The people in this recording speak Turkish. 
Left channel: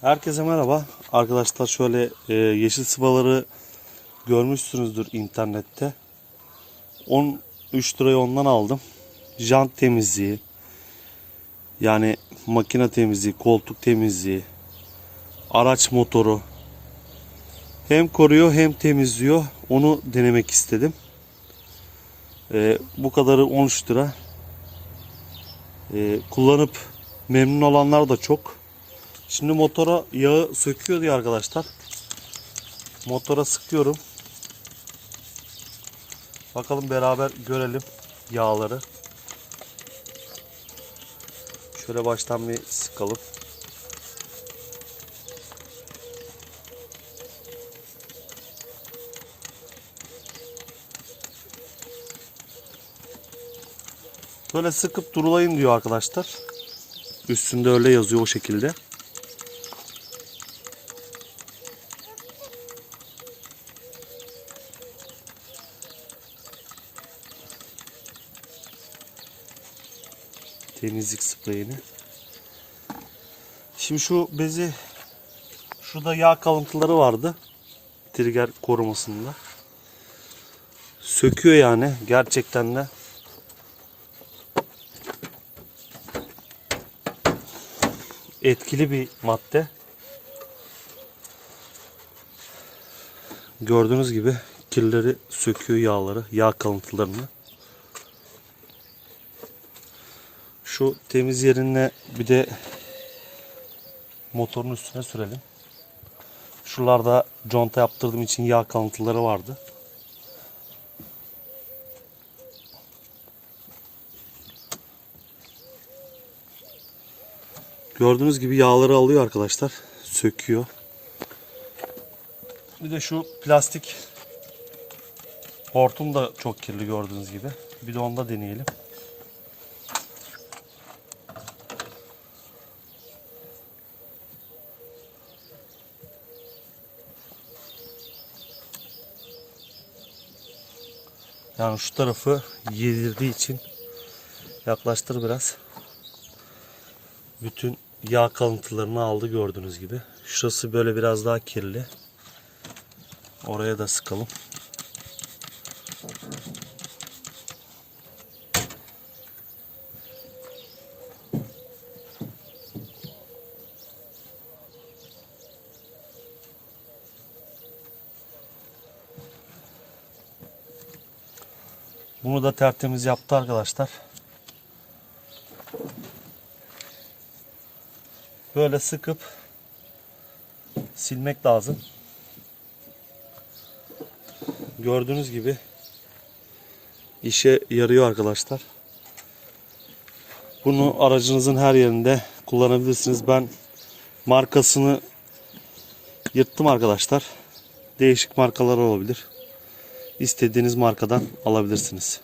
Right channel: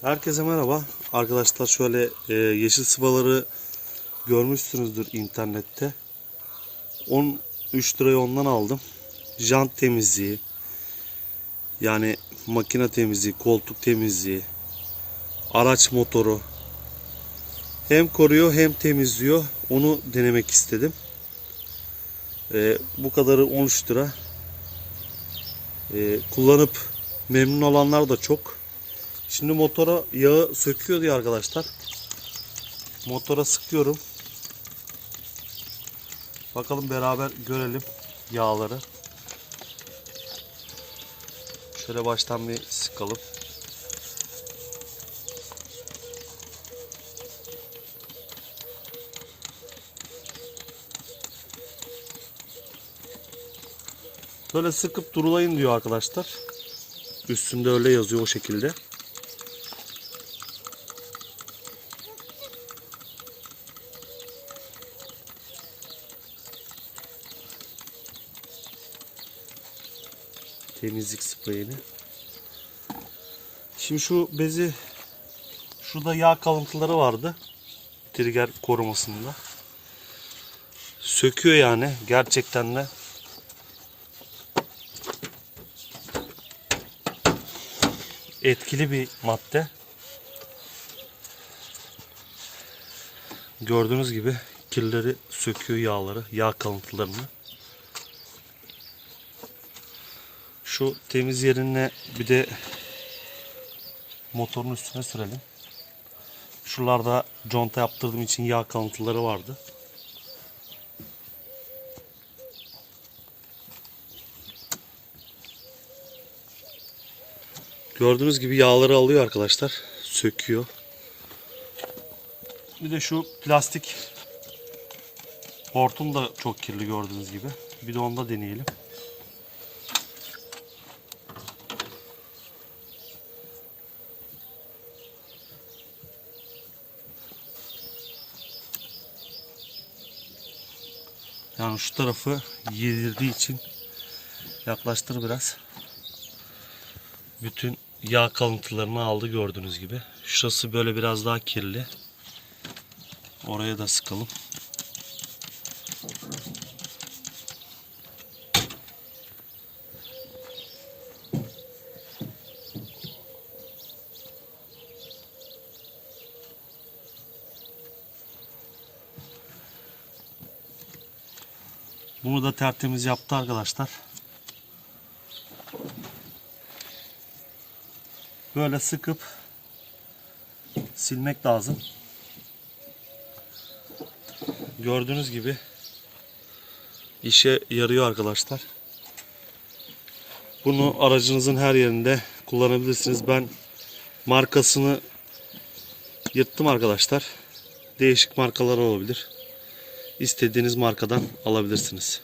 Herkese merhaba. Arkadaşlar şöyle e, yeşil sıvaları görmüşsünüzdür internette. 13 liraya ondan aldım. Jant temizliği, yani makine temizliği, koltuk temizliği, araç motoru hem koruyor hem temizliyor. Onu denemek istedim. E, bu kadarı 13 lira. E, kullanıp memnun olanlar da çok. Şimdi motora yağı söküyor diye arkadaşlar. Motora sıkıyorum. Bakalım beraber görelim yağları. Şöyle baştan bir sıkalım. Böyle sıkıp durulayın diyor arkadaşlar. Üstünde öyle yazıyor o şekilde. Temizlik spreyini. Şimdi şu bezi şurada yağ kalıntıları vardı. Trigger korumasında. Söküyor yani gerçekten de. Etkili bir madde. Gördüğünüz gibi kirleri söküyor yağları, yağ kalıntılarını. Şu temiz yerine bir de motorun üstüne sürelim. Şuralarda conta yaptırdığım için yağ kalıntıları vardı. Gördüğünüz gibi yağları alıyor arkadaşlar. Söküyor. Bir de şu plastik hortum da çok kirli gördüğünüz gibi. Bir de onda deneyelim. Yani şu tarafı yedirdiği için yaklaştır biraz. Bütün yağ kalıntılarını aldı gördüğünüz gibi. Şurası böyle biraz daha kirli. Oraya da sıkalım. Bunu da tertemiz yaptı arkadaşlar. Böyle sıkıp silmek lazım. Gördüğünüz gibi işe yarıyor arkadaşlar. Bunu aracınızın her yerinde kullanabilirsiniz. Ben markasını yırttım arkadaşlar. Değişik markalar olabilir. İstediğiniz markadan alabilirsiniz.